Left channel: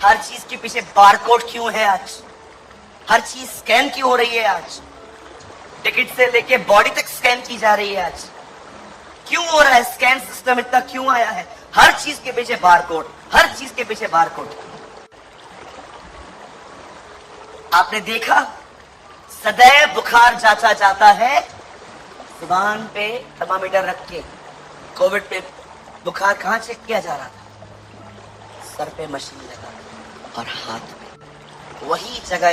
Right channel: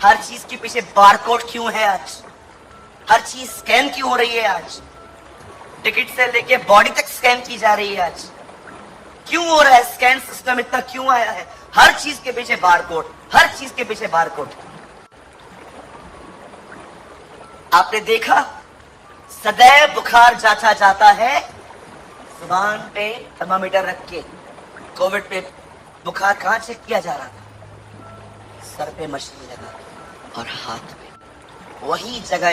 हर चीज के पीछे बारकोड क्यों है आज? हर चीज स्कैन क्यों हो रही है आज? टिकट से लेके बॉडी तक स्कैन की जा रही है आज। क्यों हो रहा है? स्कैन सिस्टम इतना क्यों आया है? हर चीज के पीछे बारकोड, हर चीज के पीछे बारकोड। आपने देखा सदैव बुखार जांचा जाता है जुबान पे थर्मामीटर रख के। कोविड पे बुखार कहां चेक किया जा रहा था? सर पे मशीन लगा और हाथ में, वही जगह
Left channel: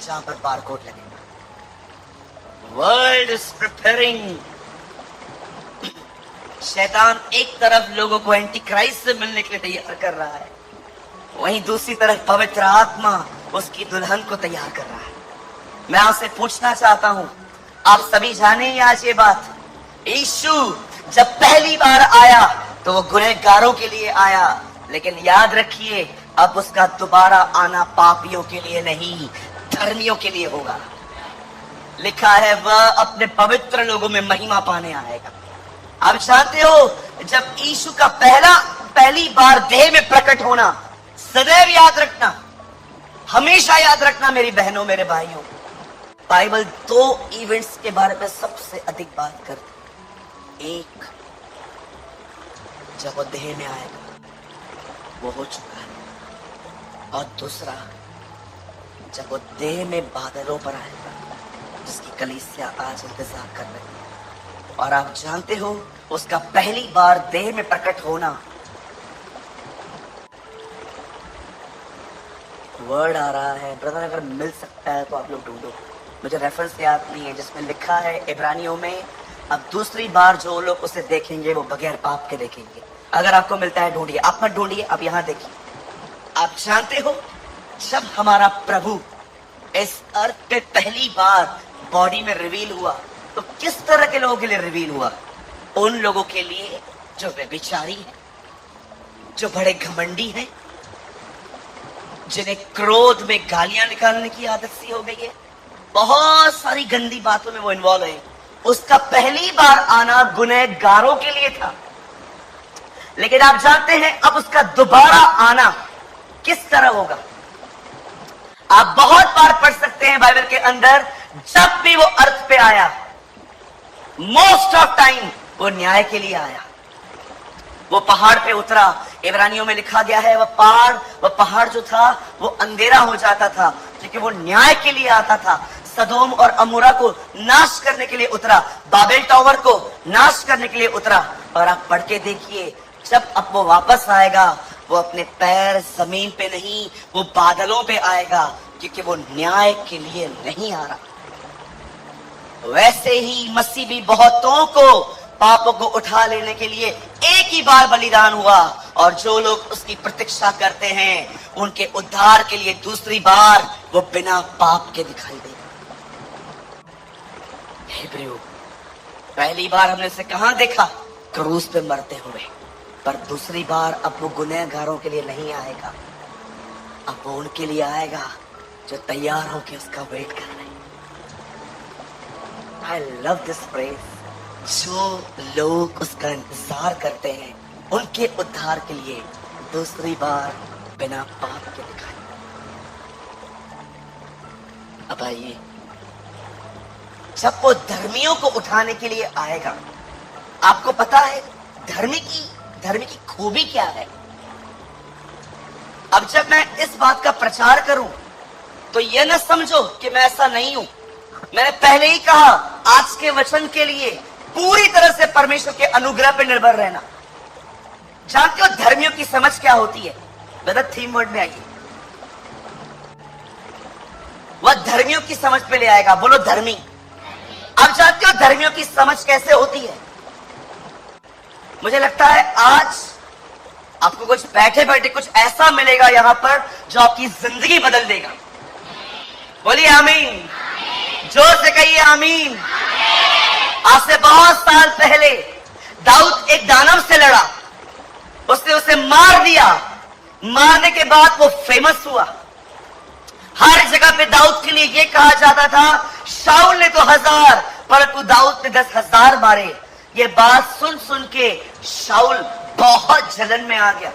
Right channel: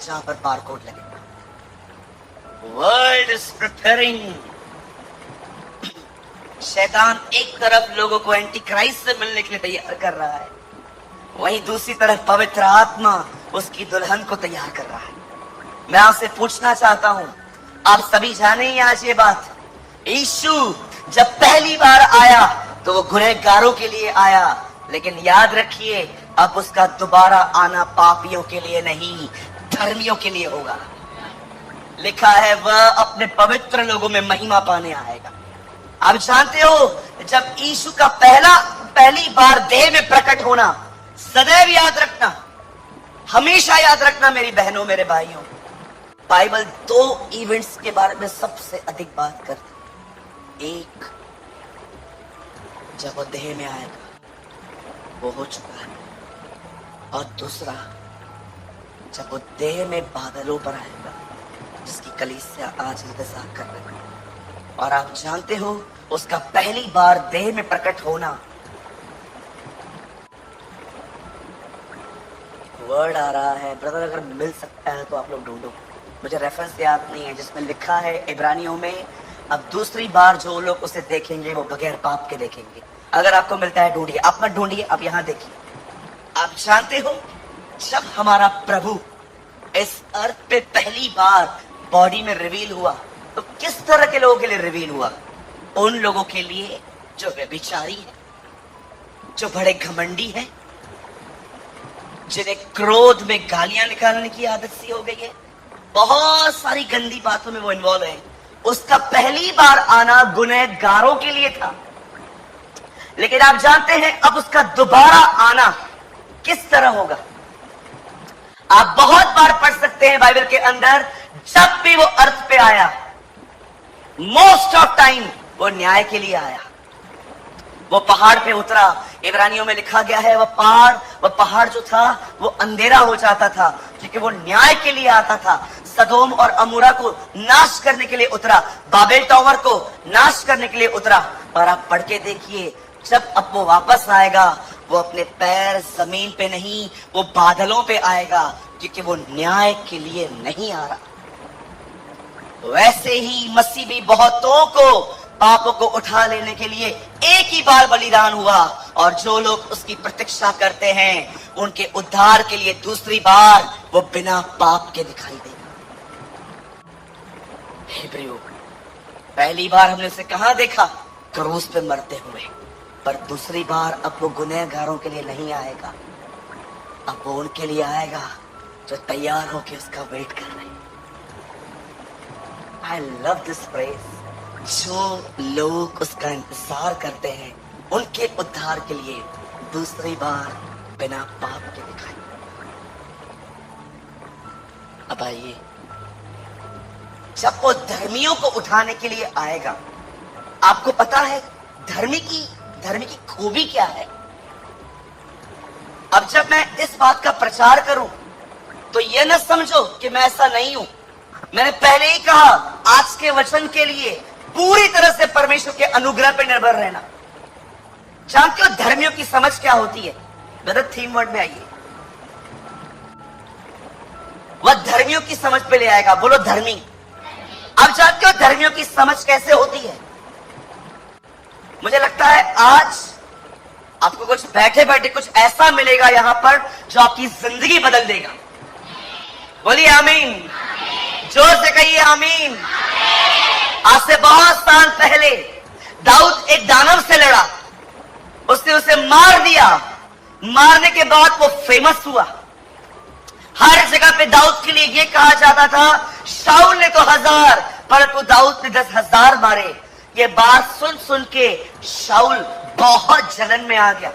जहां पर बारकोड लगे। World is preparing. शैतान एक तरफ लोगों को एंटी क्राइस्ट से मिलने के लिए तैयार कर रहा है, वहीं दूसरी तरफ पवित्र आत्मा उसकी दुल्हन को तैयार कर रहा है। मैं आपसे पूछना चाहता हूं, आप सभी जाने ही आज ये बात, यीशु जब पहली बार आया तो वो गुनहगारों के लिए आया, लेकिन याद रखिए अब उसका दोबारा आना पापियों के लिए नहीं, धर्मियों के लिए होगा। लिखा है वह अपने पवित्र लोगों में महिमा पाने आएगा। आप जानते हो जब यीशु का पहली बार देह में प्रकट होना, सदैव याद रखना, हमेशा याद रखना मेरी बहनों मेरे भाइयों, बाइबल दो इवेंट्स के बारे में सबसे अधिक बात करती। एक, जब वो देह में आएगा वो हो चुका है, और दूसरा जब वो देह में बादलों पर आएगा जिसकी कलीसिया आज इंतजार कर रही है। और आप जानते हो उसका पहली बार देह में प्रकट होना, वर्ड आ रहा है ब्रदर, अगर मिल सकता है तो आप लोग ढूंढो, मुझे रेफरेंस याद नहीं है, जिसमें लिखा है इब्रानियों में, अब दूसरी बार जो लोग उसे देखेंगे वो बगैर पाप के देखेंगे। अगर आपको मिलता है ढूंढिए, आप मत ढूंढिए, आप यहां देखिए। आप जानते हो जब हमारा प्रभु इस अर्थ पे पहली बार बॉडी में रिवील हुआ तो किस तरह के लोगों के लिए रिवील हुआ? उन लोगों के लिए जो व्यभिचारी है, जो बड़े घमंडी हैं, जिन्हें क्रोध में गालियां निकालने की आदत सी हो गई है, बहुत सारी गंदी बातों में वो इन्वॉल्व है। उसका पहली बार आना गुनहगारों के लिए था, लेकिन आप जानते हैं अब उसका दोबारा आना किस तरह होगा? आप बहुत बार पढ़ सकते हैं बाइबल के अंदर, जब भी वो अर्थ पे आया, मोस्ट ऑफ टाइम वो न्याय के लिए आया। वो पहाड़ पे उतरा, इब्रानियों में लिखा गया है वह पहाड़ जो था वो अंधेरा हो जाता था, क्योंकि वो न्याय के लिए आता था। सदोम और अमोरा को नाश करने के लिए उतरा, बाबेल टावर को नाश करने के लिए उतरा। और आप पढ़ के देखिए, जब अब वो वापस आएगा वो अपने पैर जमीन पे नहीं, वो बादलों पे आएगा, क्योंकि वो न्याय के लिए नहीं आ रहा। वैसे ही मसीह भी बहुतों को पापों को उठा लेने के लिए एक ही बार बलिदान हुआ, और जो लोग उसकी प्रतीक्षा करते हैं उनके उद्धार के लिए दूसरी बार वो बिना पाप के दिखाई देगा। हिब्रू पहली बार हमने उसे कहां देखा? क्रूस पे मरते हुए। पर दूसरी बार अब वो गुनहगारों के लिए नहीं आएगा, अब वो उनके लिए आएगा जो तैयार होकर उसका वेट कर रहे हैं। आई लव दिस फ्रेज, जो लोग उसका इंतजार करते हैं उनके उद्धार के लिए दूसरी बार बिना पाप के दिखाई। अब आइए, जब वो धर्मियों को उठाने के लिए आएगा, आपको पता है धर्मी की खूबी क्या है? अब जब मैं इस बात का प्रचार करूं तो ये न समझो कि मैं ऐसा नहीं हूं। मैं पहले ही कहा, आज के वचन के लिए पूरी तरह से परमेश्वर के अनुग्रह पर निर्भर रहना। जानते हो धर्मियों की समझ क्या होती है? गलत थीम वर्ड में आइए, वह धर्मियों की समझ पे ले आएगा। बोलो धर्मी। अब जानते हो धर्मियों की समझ कैसे होती है? मुझे लगता है आज आपको कुछ बैठे बैठे कुछ ऐसा मिलेगा यहां पर जो आपकी जिंदगी बदल देगा। बोलिए आमीन, जोर से कहिए आमीन। आज से बहुत साल पहले दाऊद एक दानव से लड़ा, उसने उसे मार दिया। मारने के बाद वो फेमस हुआ। हर जगह पे दाऊद के लिए ये कहा जाता था, शाऊल ने तो 1000 परंतु दाऊद ने 10,000 मारे। ये बात सुन सुन के शाऊल बहुत जलन में आ गया।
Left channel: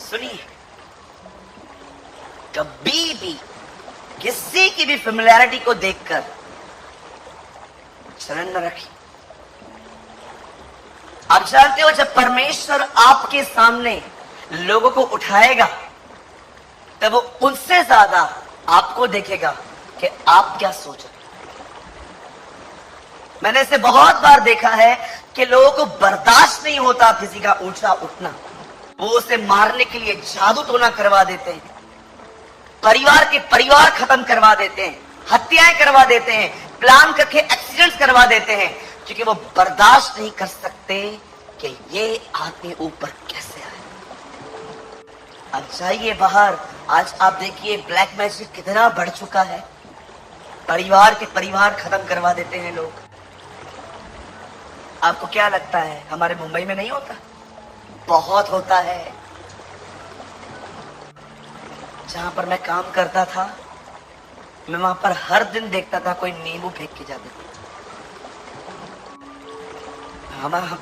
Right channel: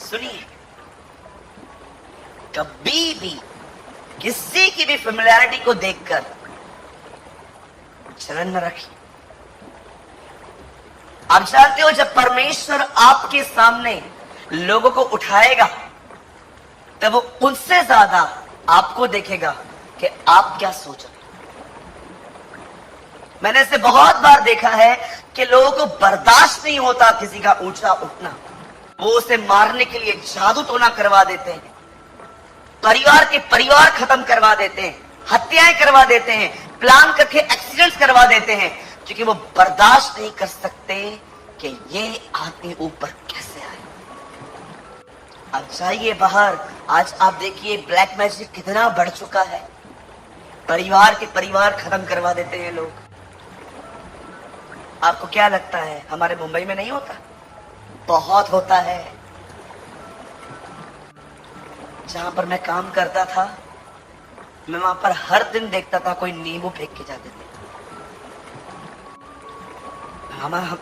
सुनिए, कभी भी किसी की भी फेमिलियरिटी को देखकर जलन न रखिए। आप जानते हो, जब परमेश्वर आपके सामने लोगों को उठाएगा तब वो उनसे ज्यादा आपको देखेगा कि आप क्या सोच रहे। मैंने इसे बहुत बार देखा है कि लोगों को बर्दाश्त नहीं होता किसी का ऊंचा उठना, वो उसे मारने के लिए जादू टोना करवा देते हैं, परिवार के परिवार खत्म करवा देते हैं, हत्याएं करवा देते हैं, प्लान करके एक्सीडेंट्स करवा देते हैं, क्योंकि वो बर्दाश्त नहीं कर सकते कि ये आदमी ऊपर कैसे आए। अब जाइए बाहर, आज आप देखिए ब्लैक मैजिक कितना बढ़ चुका है, परिवार के परिवार खत्म करवा देते हैं लोग। आपको क्या लगता है हमारे मुंबई में नहीं होता? बहुत होता है। जहां पर मैं काम करता था, मैं वहां पर हर दिन देखता था कोई नींबू फेंक के जाते थे।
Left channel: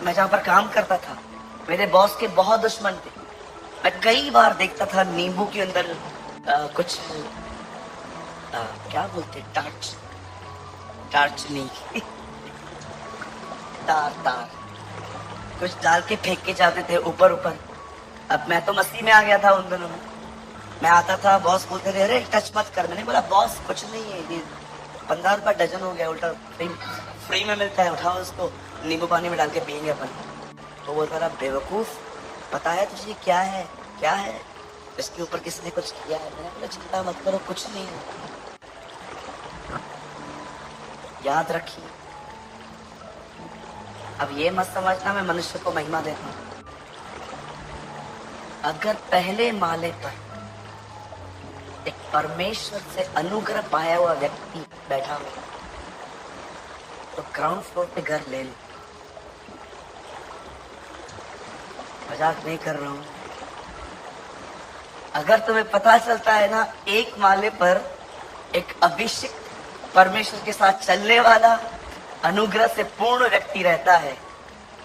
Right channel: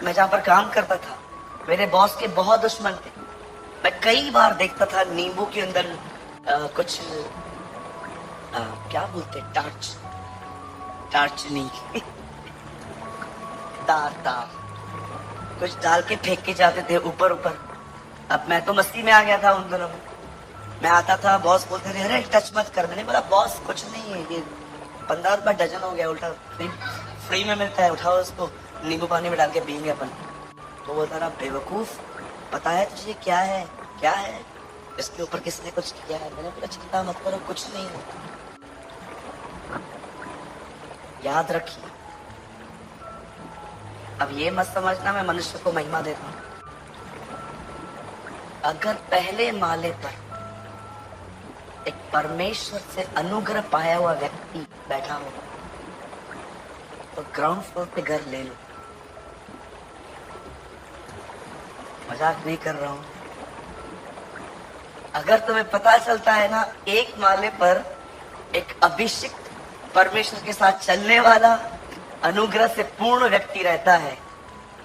मैं जहां पर काम करता था, मेरे बॉस के बहुत दुश्मन थे। मैं कई बार देखता था नींबू के अंदर कुछ क्या बोलते, टार्च नहीं तार कुछ डाल के फेंक के जाते थे ऊपर ऊपर। अब मैं तो मस्ती में आ गया था उन दिनों में। मैं आता था, बॉस बोलते थे अरे टच मत कर। मैंने बोला बॉस कुछ नहीं है, ये 15 रुपए डजन हो गया, उल्टा फ्री में मिलता है, उठाओ उसको, नींबू पानी में डाल के पियेंगे अपन। वो बोलता था बेवकूफ, पता है तुझे क्या है, क्या है इसके ऊपर किसने कुछ किया है? मैंने बोला चिंता मत करो, कुछ नहीं हो। याद रखिए, अब ये मत समझना मैं मनुष्य को महिमा देता हूं। अगर पहले माले पर एक परमेश्वर से अनुग्रह पाया हुआ व्यक्ति बैठा है तो ग्राउंड फ्लोर पे घर ले लो। मजाक भी कर रहा हूं। अगर तुम्हें पता चलता है ना, एक माले पर एक अभिषिक्त परमेश्वर के साथ चलने वाला अनुग्रह से पूर्ण व्यक्ति रहता है,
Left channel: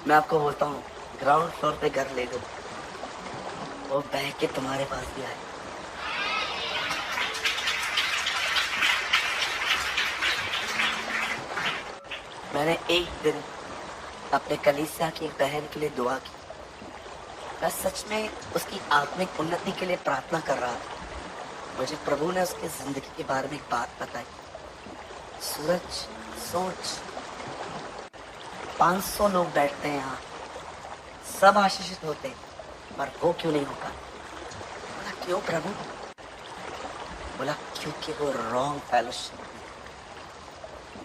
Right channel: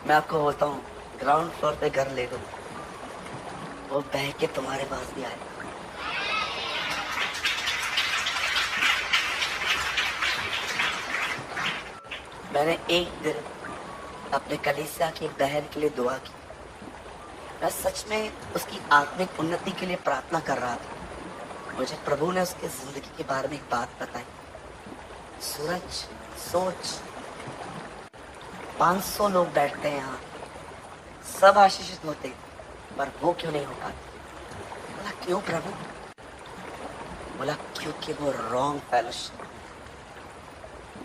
मैं आपको बोलता हूँ ग्राउंड फ्लोर पे घर ले दो, वो बह के तुम्हारे पास भी आए। मैंने एक दिन अपने कलीसिया की एक बहन के लिए दुआ की। मैं सच में उसकी आत्मिक उन्नति के लिए प्रार्थना कर रहा था। मुझे प्रभु ने उसके जिंदगी के बारे में एक बात बताई। सूरज, सोच 500 लोग बैठते हैं यहाँ, सब आशीषित होते हैं, पर वो क्यों नहीं हो पाते? बोला क्यों प्रभु? बोला क्योंकि वो रॉन्ग फेलोशिप,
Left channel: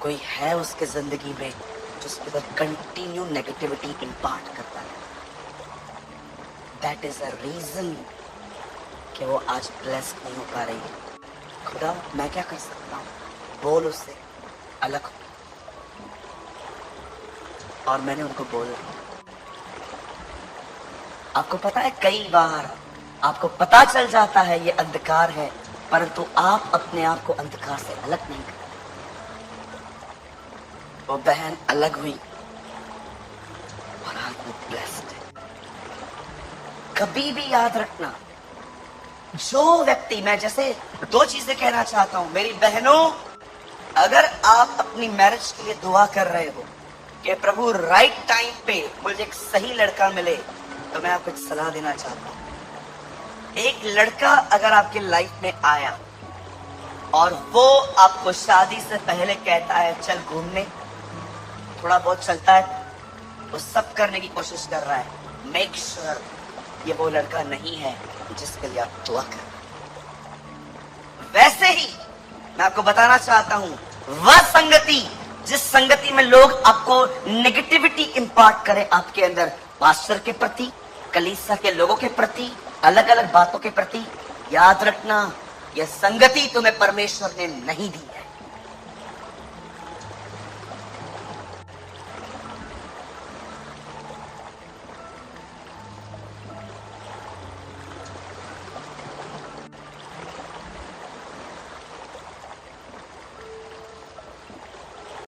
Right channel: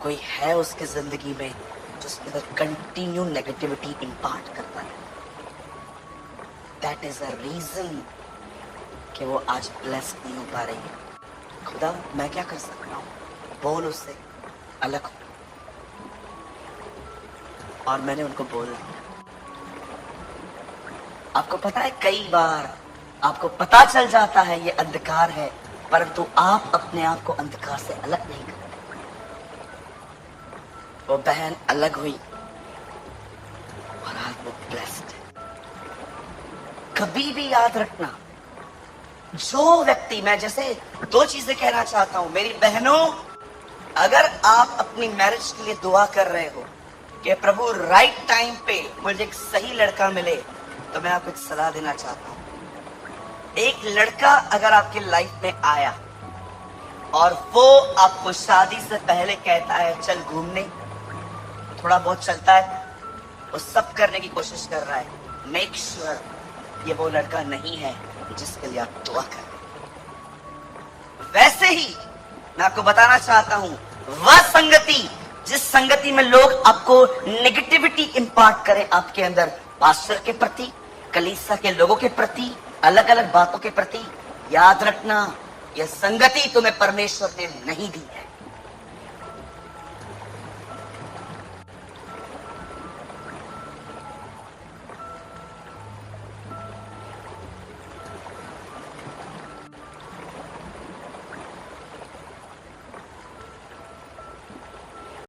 कोई है उसके जिंदगी में जो उसके अंदर कंटिन्यू नेगेटिविटी इम्पार्ट करता है। दैट इज अ रीजन कि वो आज ब्लेस्ड नहीं हो पा रही है। खुदा मैं क्या कर सकता हूँ? बोल उससे अलग हो। और मैंने उनको बोला। आपको पता है कई बार आपको पता चल जाता है ये अंधकार है, परंतु आप अपने आप को अंधकार से अलग नहीं करते। वो बहन अलग हुई और आज वो ब्लेस्ड है। कभी भी याद रखना, जो व्यक्ति, मैं जैसे 2 चीजें कहना चाहता हूं मेरी बहनों, अगर आप अपनी मैरिज के लिए दुआ कर रहे हो कि प्रभु राइट टाइम पे मुझे एक सही लड़का मिले, तो मैं आपको एक सलाह देना चाहता हूं। एक लड़का अगर आपके लाइफ में आया और वो आपको शादी से पहले कहता है चल घूमने, थोड़ा बहुत चलता है, वो सब करने की कोशिश कर रहा है, मेक श्योर ये वो लड़का नहीं है जिसके लिए आप दुआ कर रहे। वैसे ही मैं आपको बताना चाहता हूं, वह संगति जिस संगति में लोग आपको नेगेटिविटी इंपार्ट करें आपके अंदर, पास्टर के प्रति, कलीसिया के लोगों के प्रति, अलग अलग बातों के प्रति, याद रखना यह संगति तुम्हें परमेश्वर ने नहीं दी है।